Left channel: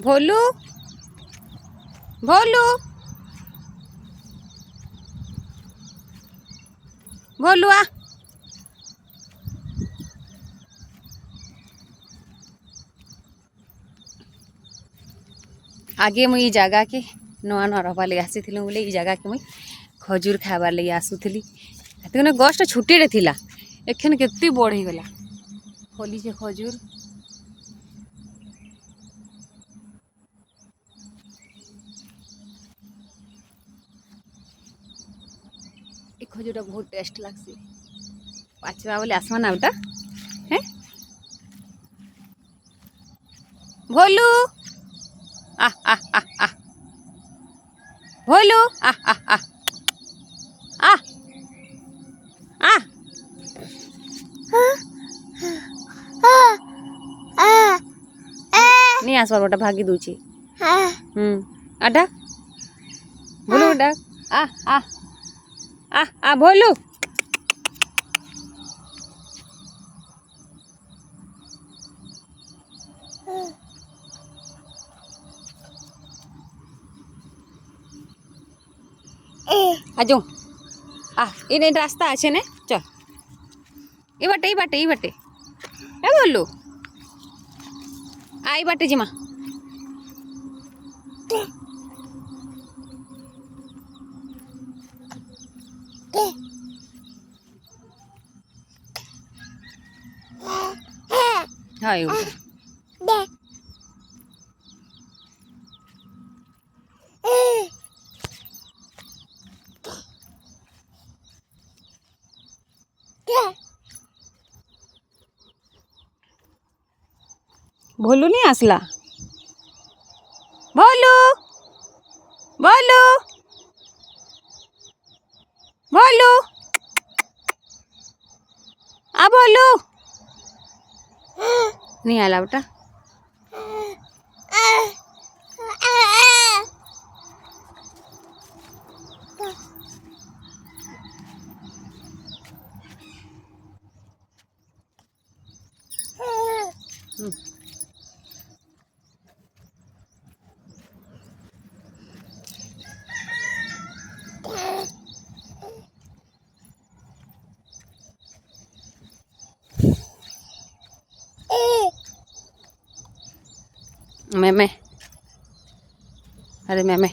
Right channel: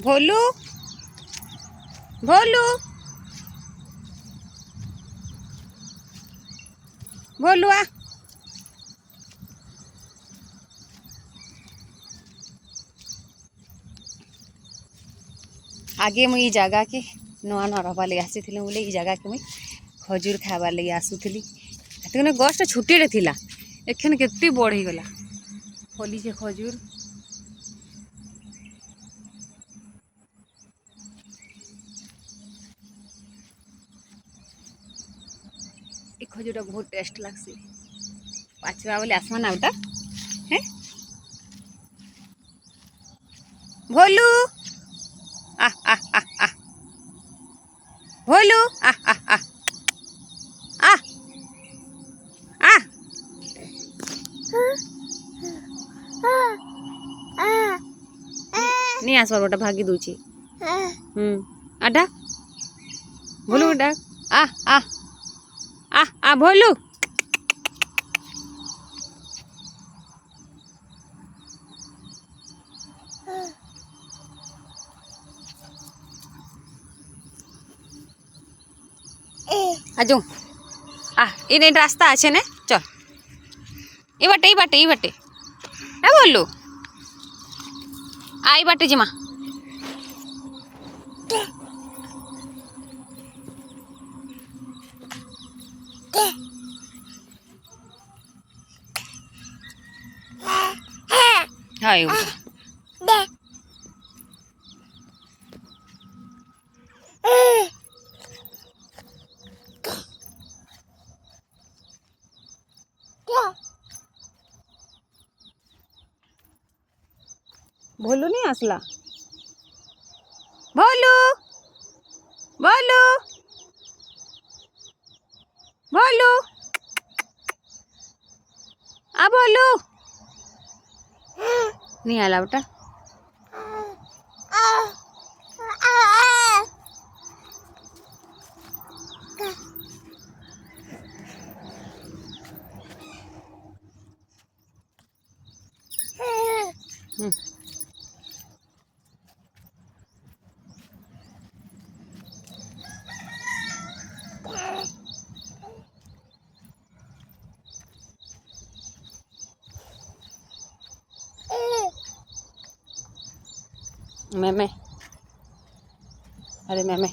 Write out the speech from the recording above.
भोलू भोलू भोलू आ आगे मुई जगह के नुआ नुआ रखबार लगे आसी बोले ये जगह के मुई खजूर खाबार लगे आसुली एतने गछटा छुट्टे थिला एखन केते बड़ हो गला फली के खजूर ये खजूरटा बहुत टेस्ट लगसी पाचवा बोले आसमा ना उटा हैं भोलू आ आ आ आ भोलू आ आ आ आ आ नहीं आसबार गोटा भागी दूची आडा भोलू आडा आ आ आ आ भोलू आजू आ इन रास्ता आछे ने चल ये बाटे ए बोलू आई बाटे जिमा हाय भोलू नहीं आसला भोलू भोलू भोलू आ भोलू नहीं आला बेटा मैं अरे मैं मैं